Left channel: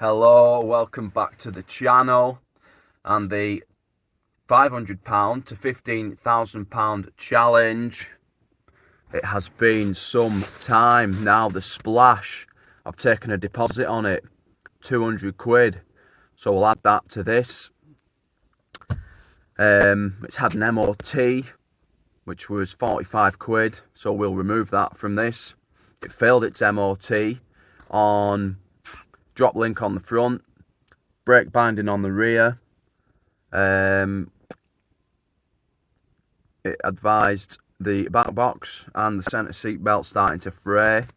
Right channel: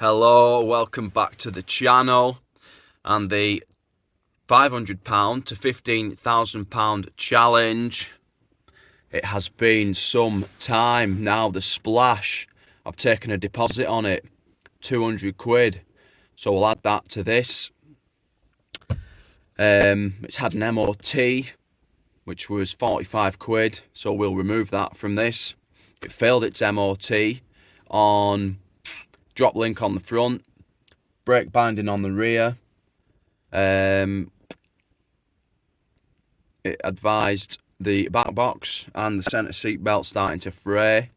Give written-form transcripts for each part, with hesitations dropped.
Hello, welcome back to the channel and the £500 to £15,000 challenge. It has been some time now. The Splash, I've taken a deposit on it, 200 quid. So we'll add that to this. It's had an MOT, which was 45 quid. So we'll remove that from this. It failed its MOT on drop link on the front, brake binding on the rear. It advised the back box and the centre seat belt starting to fray.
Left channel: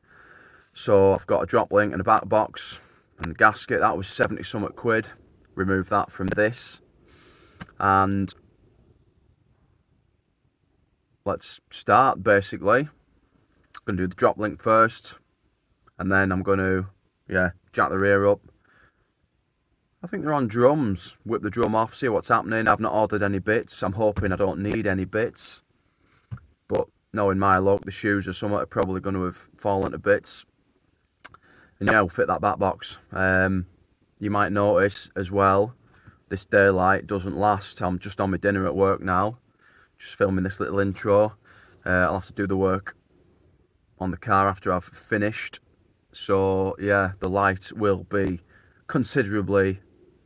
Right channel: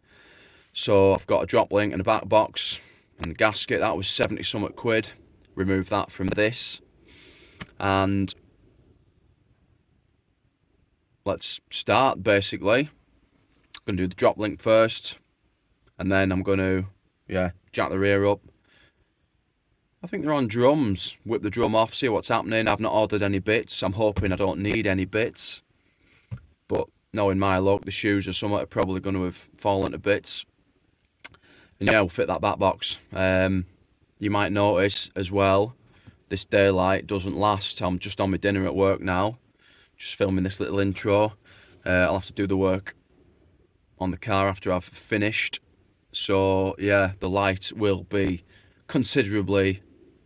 So I've got a drop link and a back box and the gasket. That was 70 something quid. Remove that from this. And let's start basically. I'm going to do the drop link first. And then I'm going to, jack the rear up. I think they're on drums. Whip the drum off, see what's happening. I've not ordered any bits. I'm hoping I don't need any bits. But knowing my luck, the shoes or something are probably going to have fallen to bits. And yeah, we'll fit that back box. You might notice as well, this daylight doesn't last. I'm just on my dinner at work now. Just filming this little intro. I'll have to do the work on the car after I've finished. So yeah, the light will be considerably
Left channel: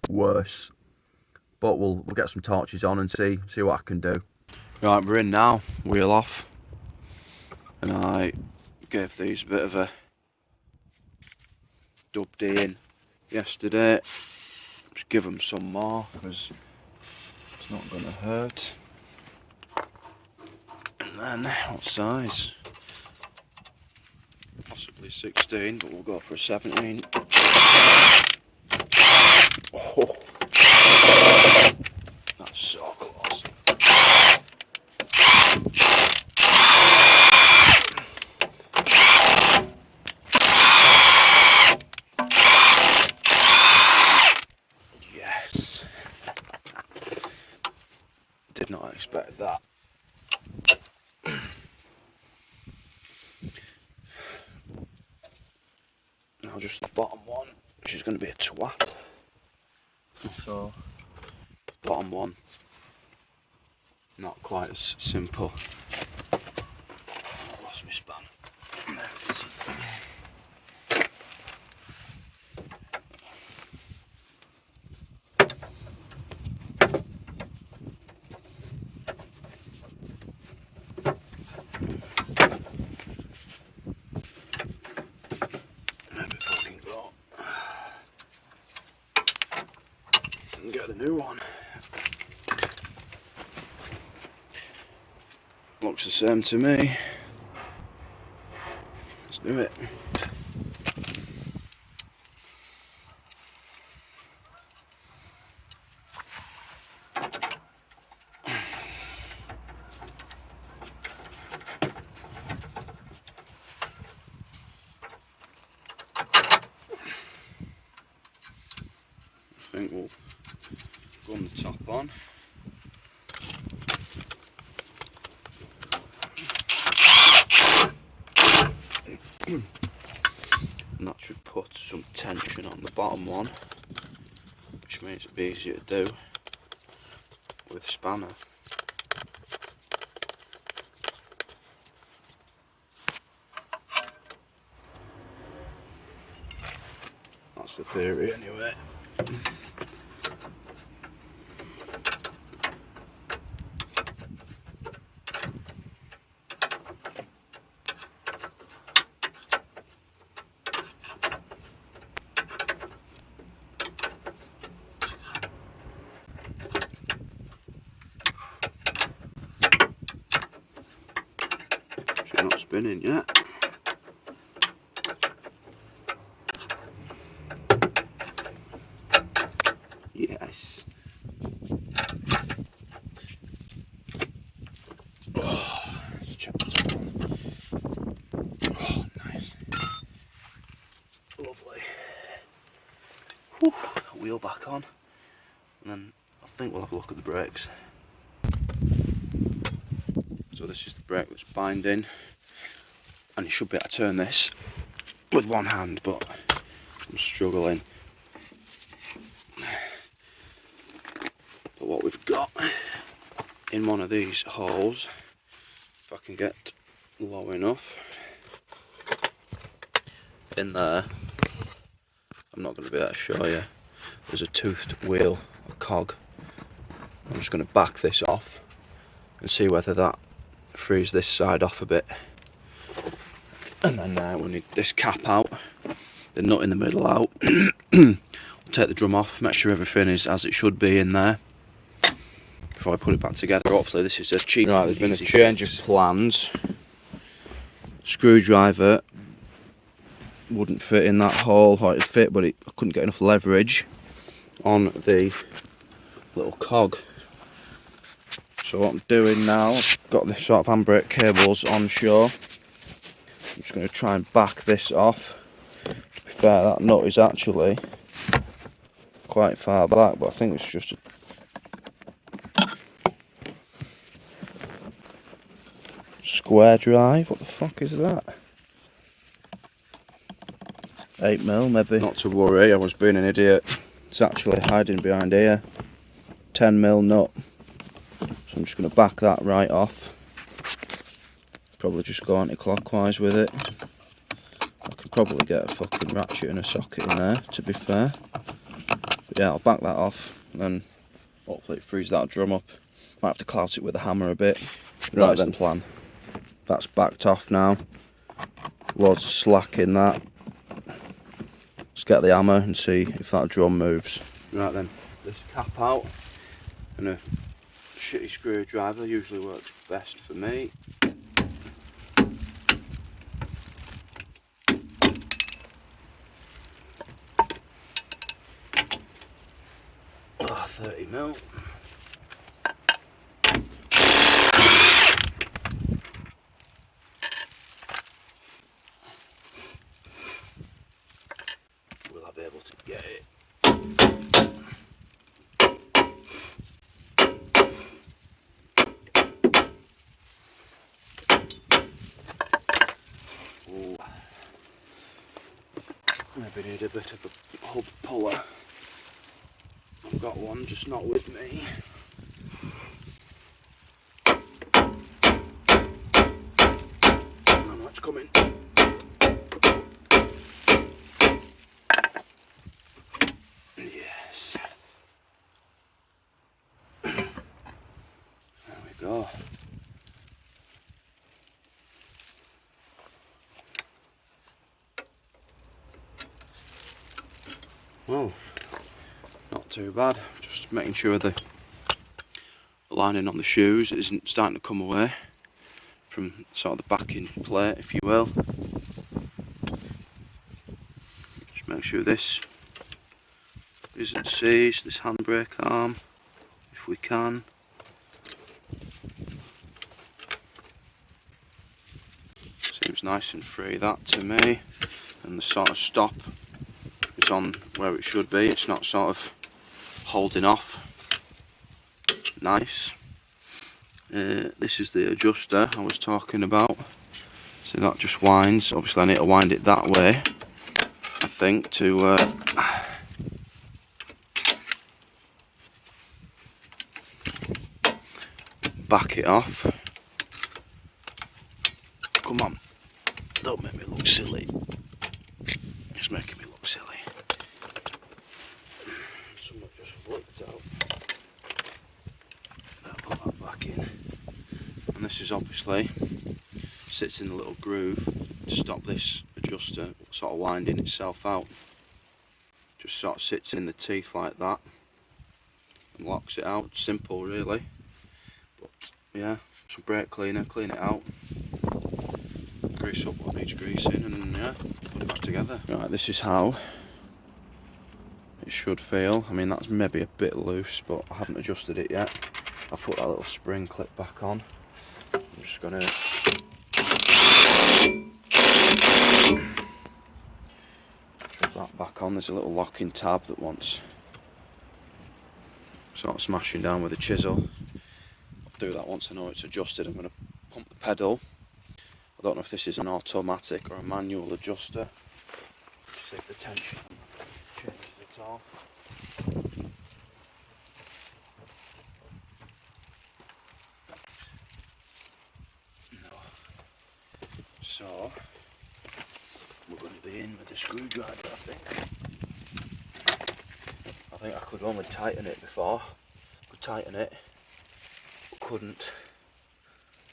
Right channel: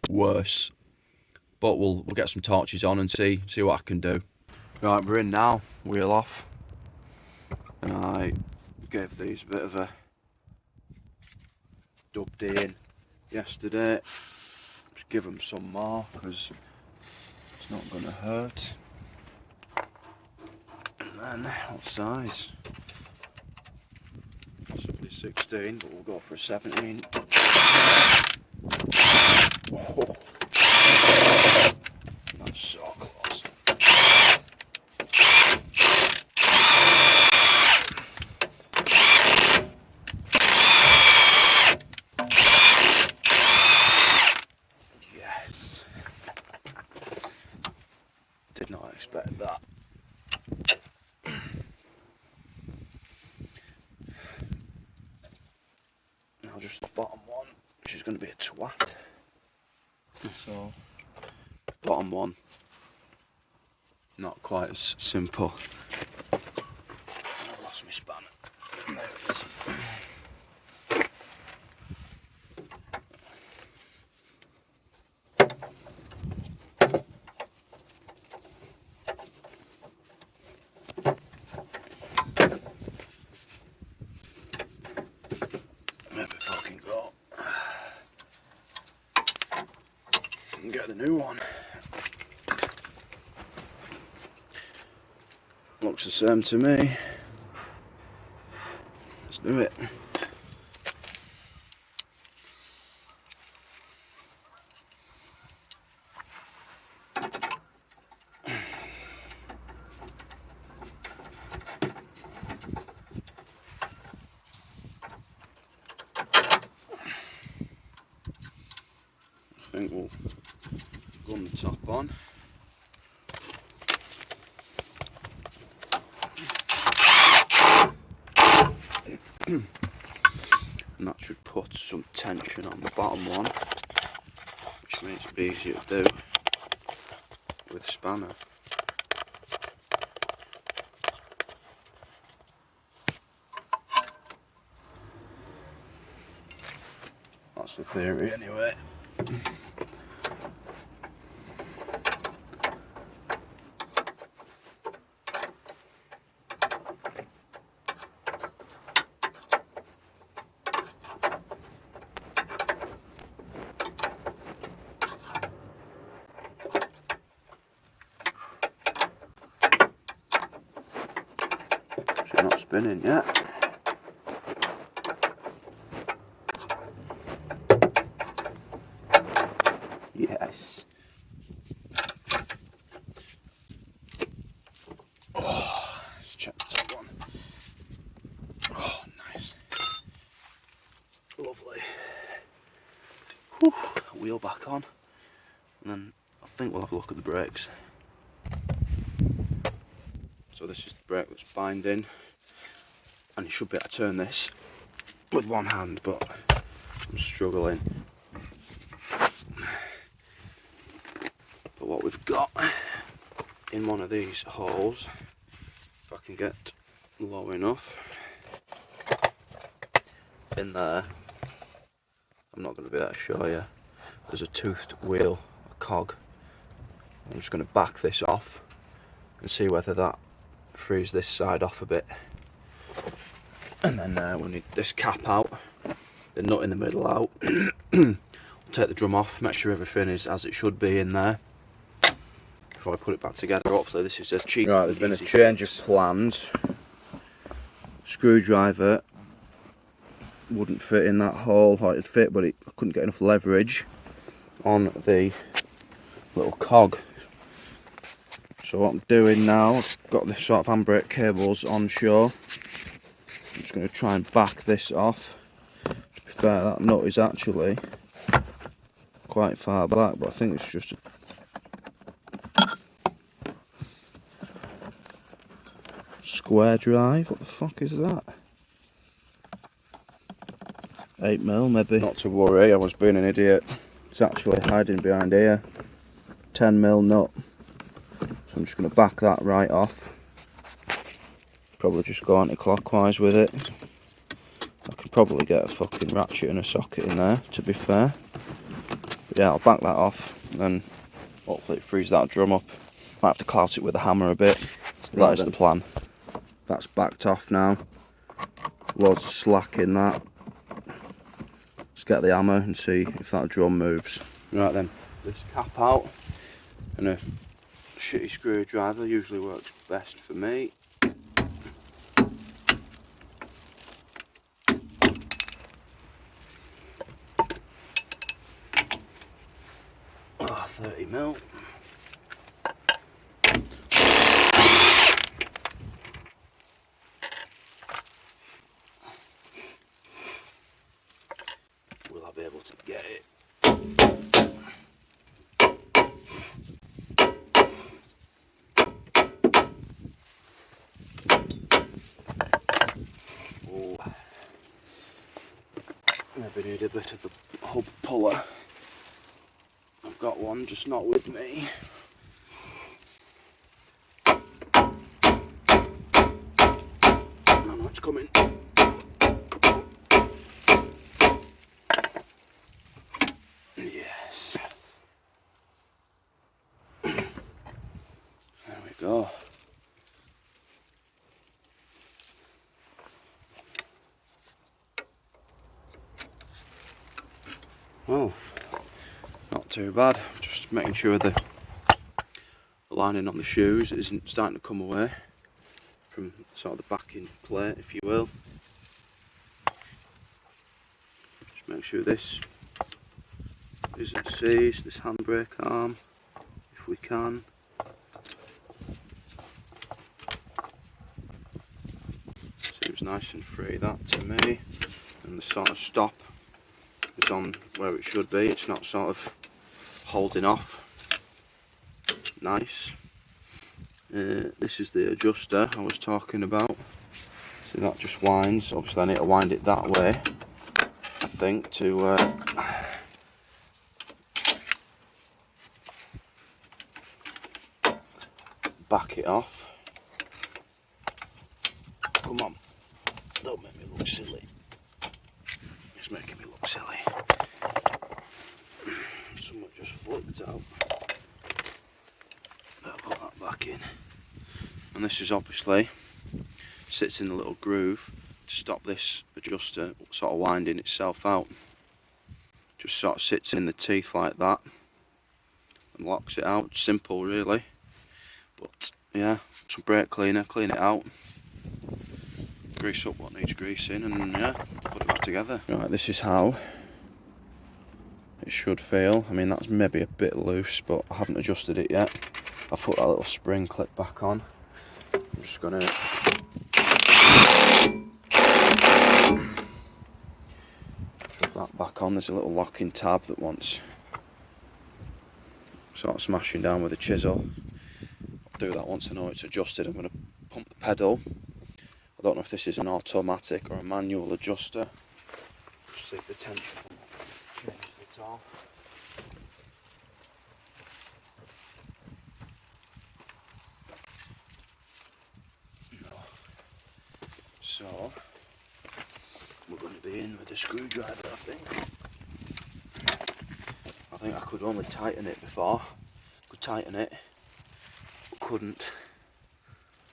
worse, but we'll get some torches on and see what I can do. Right, we're in now, wheel off, and I gave these a bit of a dubbed in yesterday. Just give them some more because it's not going to hurt. And then what size? Possibly 16, but we'll go for a 17. Oh, that's so close. Yes. Did not expect that. Now just the bottom one, which is going to be a twat. So, bottom one, not quite as simple. I lost my span. There it is. There we fucking go. And get the new one. Looks the same to me. Let's do it. I think we'll gun the top on. And that should put some tension on the bottom one, which makes it easier to do with a spanner. That's the theory anyway. She's not spinning yet. Yes. Oh, let's check the top one. Oh, nice. Lovely. Whew. Wheel back on. And then I think we'll have a look at the brakes. So this is the brake that's binding. And you should be able to turn this with one hand, but I'm struggling. we've got in one of these holes, if I can get low enough, in there, I'm not going to be able to show you, there's a toothed wheel, a cog. I'm just going to back this off and see whether that frees this side off a bit. And then we need this cap out, the nut in the middle out. Take the drum off, make sure everything is as it should be in there before I put it back together. Hopefully this is a cheap. Right, there's been a change of plans. Screwdriver wouldn't fit in that hole, or it'd fit, but I couldn't get enough leverage on the little cog. So what I'm doing now, I've got this sort of handbrake cables on shore. I'm just going to try and back this off. To be fair, that nut is actually quite far back, but I think it's just a square drive. What the fuck is that? 8mm maybe. Not to worry, I was being an idiot. It's actually hiding behind here. 10mm nut. So I'm just going to back that right off. Probably just go anti-clockwise with it. I can probably get a fucking ratchet and a socket in there, to be fair. But yeah, I'll back that off, and then hopefully it frees that drum up. Might have to clout it with a hammer a bit. Right, that's the plan. That's backed off now. Loads of slack in that. Let's get the hammer and see if that drum moves. Right then, this cap out, and a shitty screwdriver usually works best for me. Oh, 30mm. Will I be able to get it? Oh. Maybe need a bit of a hub puller. I've got one, just not with me. I know it's coming. Yes. There we go. Well, not too bad. Just making sure the lining on the shoes isn't starting to come away from sort of the backing plate, if you will. Just make sure this isn't seized, this handbrake arm, if we can. Seems nice and free, that to me. And the sort of stop is on where it should be. It's not sort of holding off. Nice. This is the adjuster I was talking about. So that just winds. Obviously I need to wind it that way, I think, to back it off. Come on, don't make me look silly. It's making me look silly. Something just flipped out. I'll put that back in. And this is obviously sits in the little groove to stop this adjuster sort of winding itself out. Just sort of sits in the teeth like that and locks it out. Simple really. But yeah, some brake cleaner, clean it out. Grease up what needs greasing, and yeah, put it back together. Right, this is how it should feel. I mean, that's maybe a bit loose, but I haven't adjusted it yet. I've put that little spring clip back on. I'm just gonna put that back on. There's a little locking tab that wants sort of smashing down with a chisel. I'll do that once I know it's adjusted. I'm gonna pump the pedal. I don't know if this is an automatic or a manual adjuster. Just see if the tension changes at all. screwdriver, I think I could only tighten it before. Could tighten it, but couldn't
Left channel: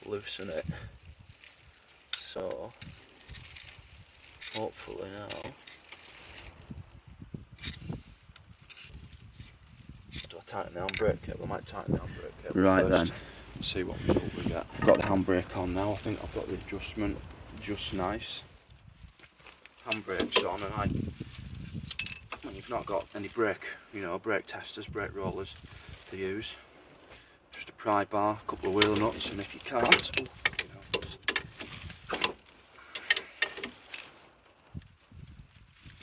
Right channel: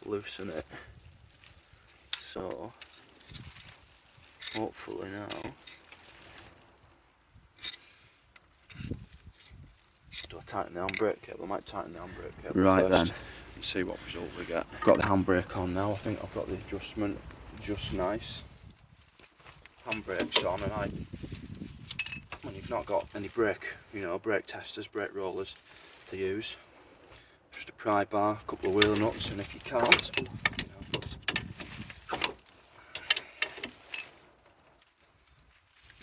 loosen it. So hopefully now. Do I tighten the handbrake cable? I might tighten the handbrake cable Right first then. and see what result we get. I've got the handbrake on now. I think I've got the adjustment just nice. Handbrake's on, and when you've not got any brake, brake testers, brake rollers to use, just a pry bar, a couple of wheel nuts, and if you can't,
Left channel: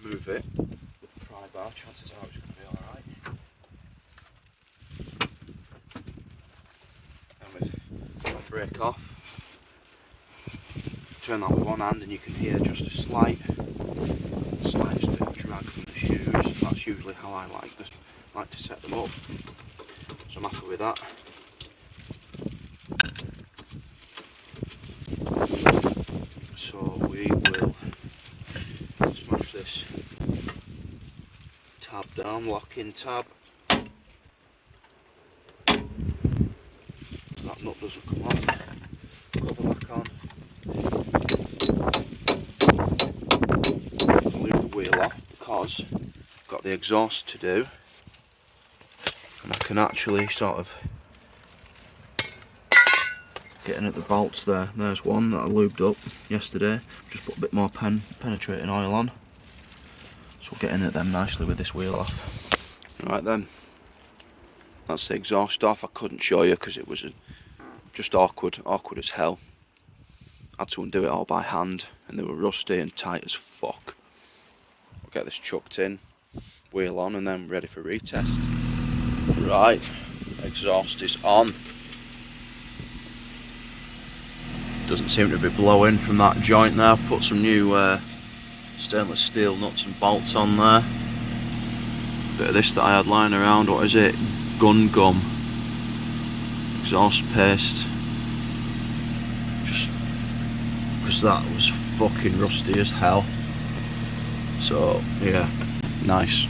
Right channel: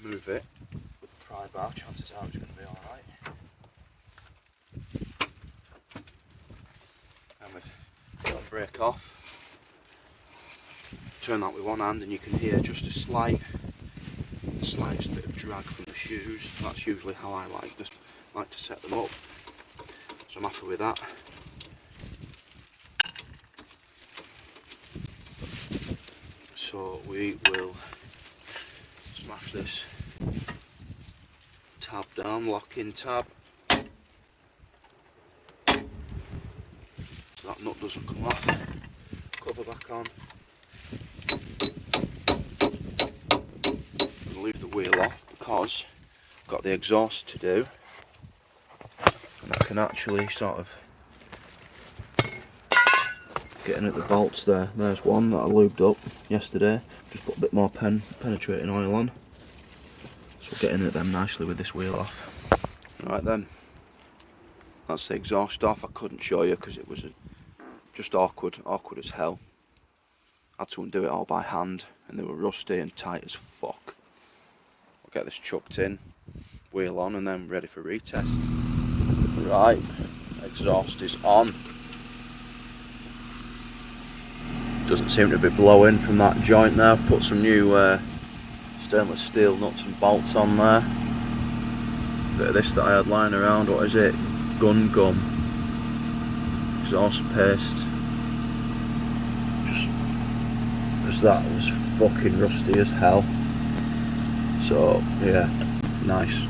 move it with the pry bar, chances are it's going to be alright. And with the handbrake off, turn that with one hand and you can hear just a slightest bit of drag from the shoes. That's usually how I like to set them up. So I'm happy with that. So we will smash this tab down, lock-in tab. So that nut doesn't come off. Cover back on. I'll leave the wheel off because I've got the exhaust to do. And I can actually sort of get in at the bolts there. There's one that I lubed up yesterday. Just put a bit more penetrating oil on. So we'll get in at them nicely with this wheel off. Right then. That's the exhaust off. I couldn't show you because it was just awkward as hell. I had to undo it all by hand and they were rusty and tight as fuck. I'll get this chucked in, wheel on, and then ready for retest. Right, exhaust is on. Doesn't seem to be blowing from that joint there. I've put some new stainless steel nuts and bolts on there. Bit of this that I had lying around, what is it? Gun gum. Exhaust paste. Just because that was fucking rusty as hell. So yeah, nice.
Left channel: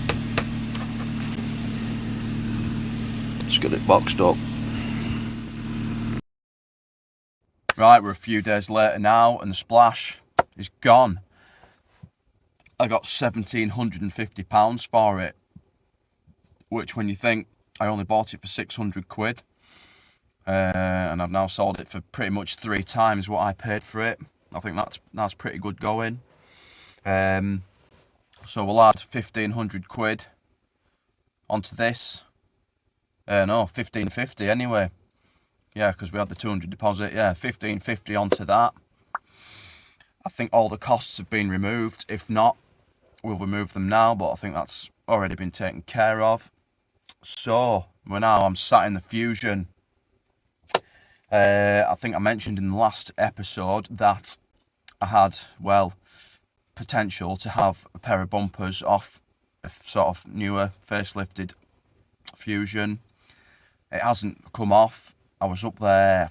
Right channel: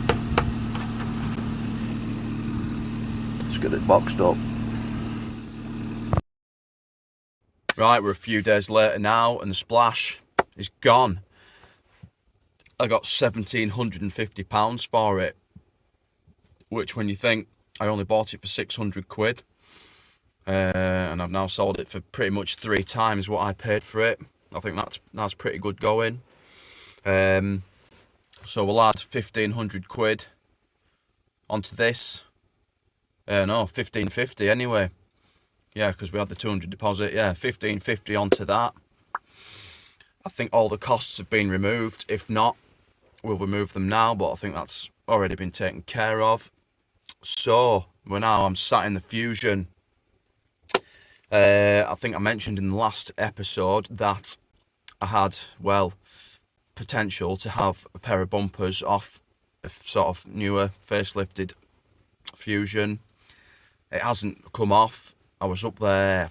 Let's get it boxed up. Right, we're a few days later now and the Splash is gone. I got £1,750 for it, which when you think I only bought it for 600 quid and I've now sold it for pretty much 3 times what I paid for it. I think that's pretty good going. So we'll add 1,500 quid onto this. No, 1,550 anyway. Yeah, because we had the 200 deposit. Yeah, 1,550 onto that. I think all the costs have been removed. If not, we'll remove them now, but I think that's already been taken care of. So I'm sat in the Fusion. I think I mentioned in the last episode that I had, potential to have a pair of bumpers off a sort of newer facelifted Fusion. It hasn't come off. I was up there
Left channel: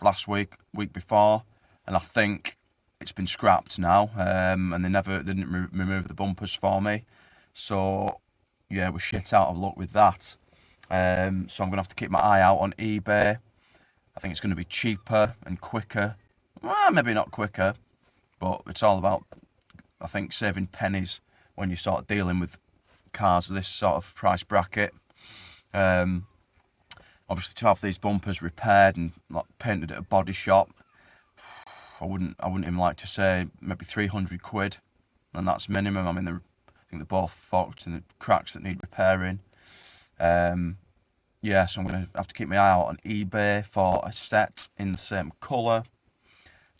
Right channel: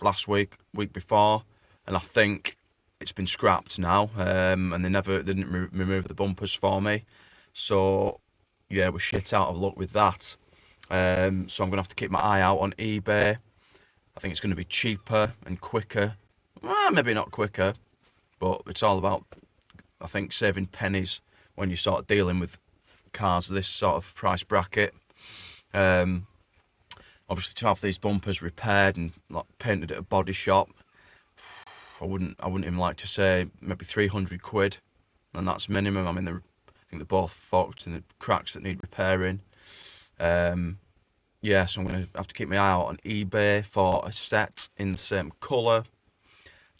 last week before, and I think it's been scrapped now. And they didn't remove the bumpers for me. So yeah, we're shit out of luck with that. So I'm gonna have to keep my eye out on eBay. I think it's going to be cheaper and quicker. Well, maybe not quicker, but it's all about, I think, saving pennies when you start dealing with cars of this sort of price bracket. Obviously, to have these bumpers repaired and painted at a body shop, I wouldn't even like to say maybe 300 quid, and that's minimum. I mean, I think they're both fucked and the cracks that need repairing. Yeah, so I'm going to have to keep my eye out on eBay for a set in the same colour.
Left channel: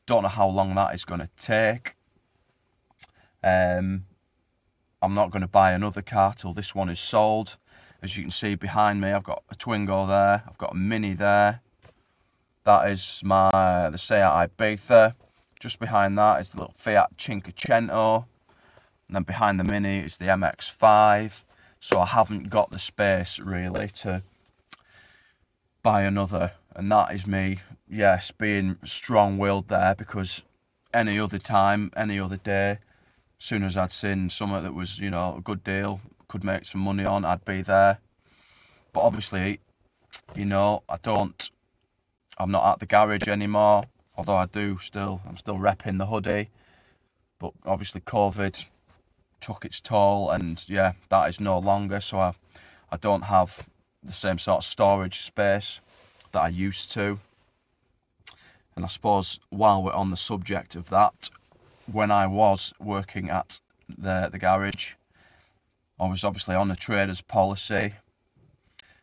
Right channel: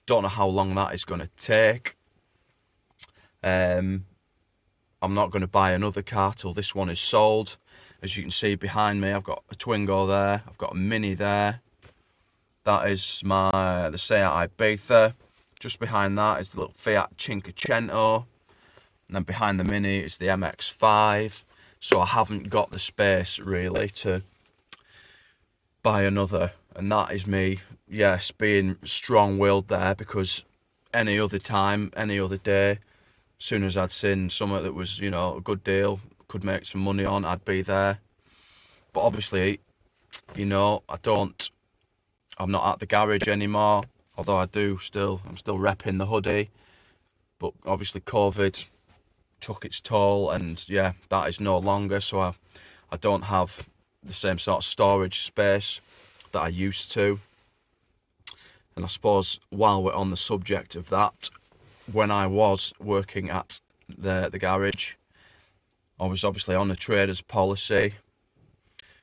Don't know how long that is going to take. I'm not going to buy another car till this one is sold. As you can see behind me, I've got a Twingo there. I've got a Mini there. That is the Seat Ibiza. Just behind that is the little Fiat Cinquecento. And then behind the Mini is the MX-5. So I haven't got the space really to buy another. And that is me, yes, being strong-willed there, because any other time, any other day, soon as I'd seen something that was, you know, a good deal, could make some money on, I'd be there. But obviously, you know, I'm not at the garage anymore, although I'm still repping the hoodie. But obviously COVID took its toll, and yeah, that is no longer, so I don't have the same sort of storage space that I used to. And I suppose while we're on the subject of that, when I was working at the garage, I was obviously on a trader's policy.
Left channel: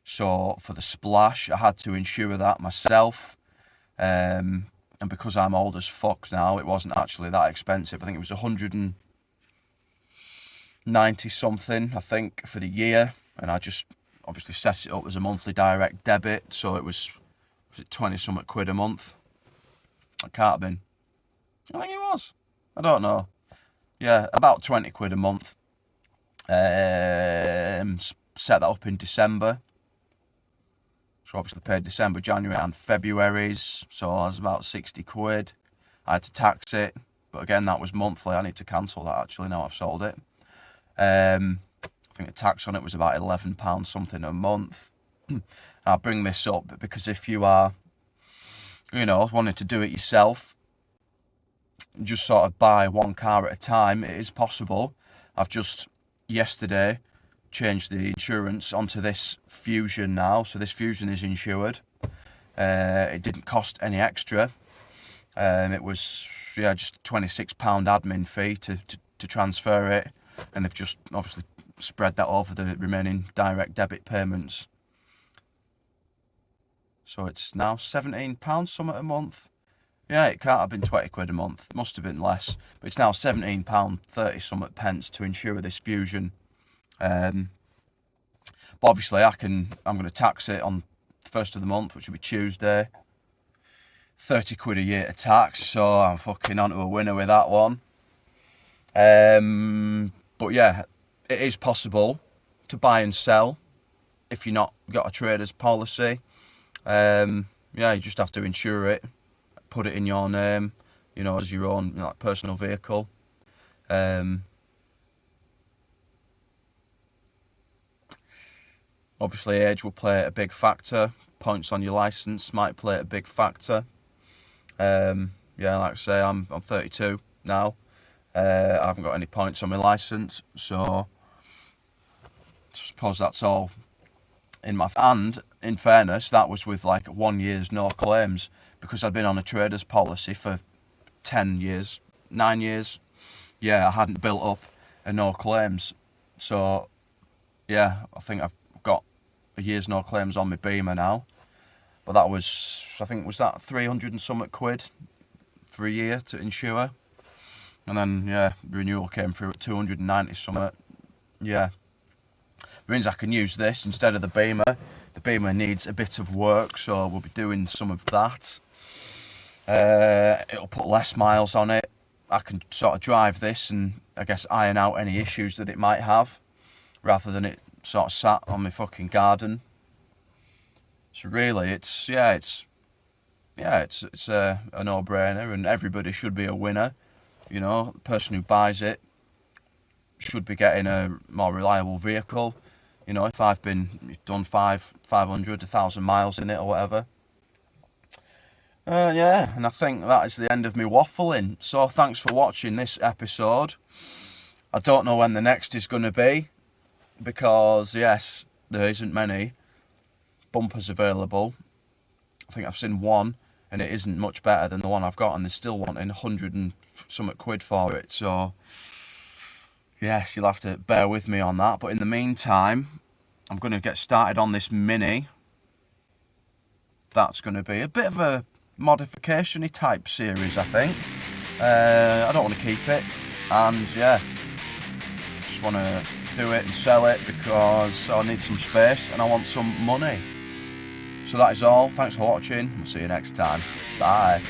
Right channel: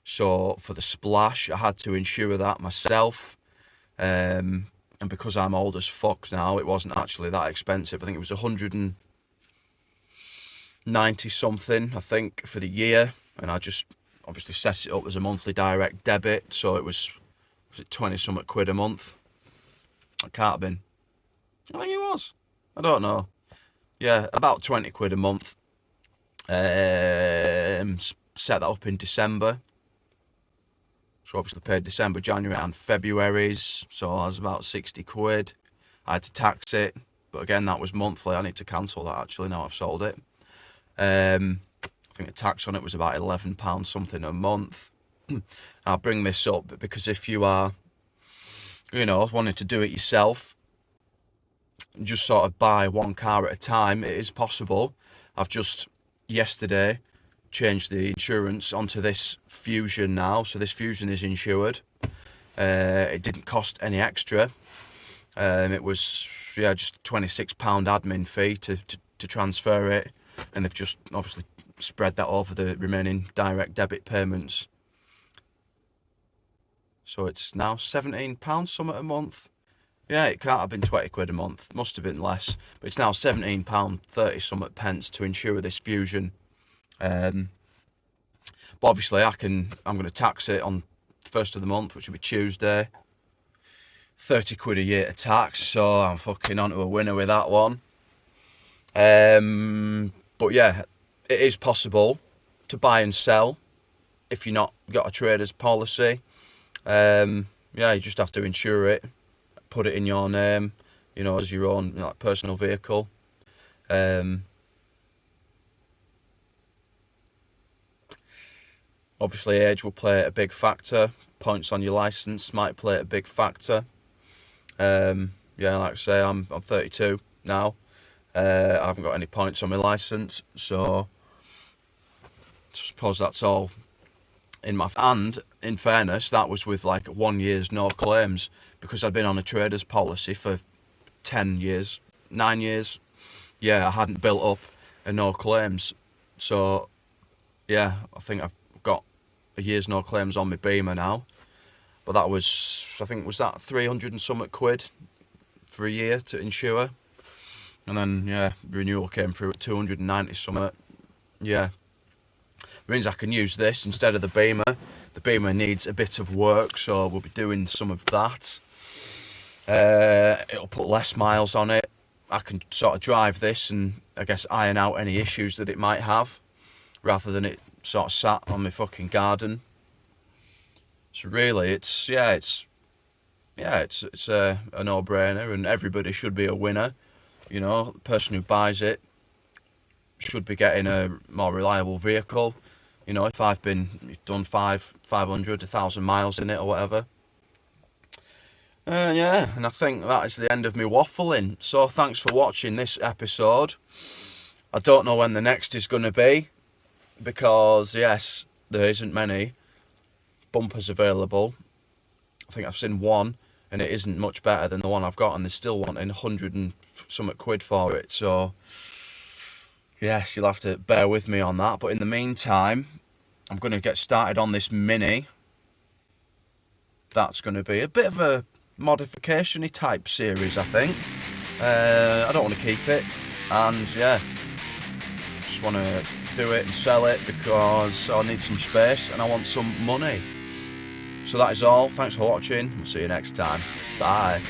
So for the Splash, I had to insure that myself. And because I'm old as fuck now, it wasn't actually that expensive. I think it was 190 something, I think, for the year. And I just obviously set it up as a monthly direct debit. So was it 20 something quid a month? It can't have been. I think it was. I don't know. Yeah, about 20 quid a month. Set that up in December. So obviously paid December, January and February's. So I was about 60 quid. I had to tax it. But again, that was monthly. I need to cancel that actually now I've sold it. I think the tax on it was about £11 something a month. I'll bring this up because if you are, you know, wanting to do it yourself, just sort of buy one car at a time, it is possible. I've just yesterday changed the insurance onto this Fusion now, so this Fusion is insured. It didn't cost any extra. It was just £26 admin fee to transfer it, and they've just obviously spread that over the remaining direct debit payments. So it's now £17 something a month. Yeah, it can't have been 20 quid a month. Must have been less. But it's now £17.30 something pence to insure this Fusion. But obviously I'm going to tax it on the first of the month, which will be Tuesday. 30 quid a year to tax, so I'm fucking onto a winner with that one. But yeah, it is possible to buy and sell if you're not got a trader's policy. You just have to insure it, put it in your name, you know, as your own, you know, like personal vehicle. Obviously age will play a big factor. Points on your license might play a big factor. Like I say, I'm 32 now. I haven't got any points on my license, so I suppose that's all in my... And in fairness, that was with like 1 year's no claims, because I'd been on a trader's policy for 10 years, 9 years. Yeah, I hadn't built up a no claims. So yeah, I think I've got a year's no claims on my Beamer now. But that was, I think, was that 300 and something quid for a year to insure? And then, yeah, renewal came through at 290 something. Yeah. It means I can use this instead of the Beamer. The Beamer needs a bit of work, so we'll be doing some of that. It'll put less miles on it. I can sort of drive this and, I guess, iron out any issues that it might have, rather than it sort of sat on my fucking garden. So really, it's a no-brainer, and everybody should be a winner. You know, the person who buys it should be getting a more reliable vehicle. You know, if I've done 500, 1,000 miles in it or whatever. And I think that is the end of me waffling. So thanks for watching this episode. I don't know when the next is going to be, because yes, there isn't many bumpers available. I think I've seen one, and it isn't much better than the one I've got, and they're still wanting 100 and something quid for it. So yes, you'll have to bear with me on that. But in the meantime, I'm going to get started on this Mini. That's going to be a bit of a modification-y type series, I think. I don't want to keep it, and yeah, just want to do it and sell it because I need some space and I want some money. So that is all. Thanks for watching. We'll see you next time. Bye.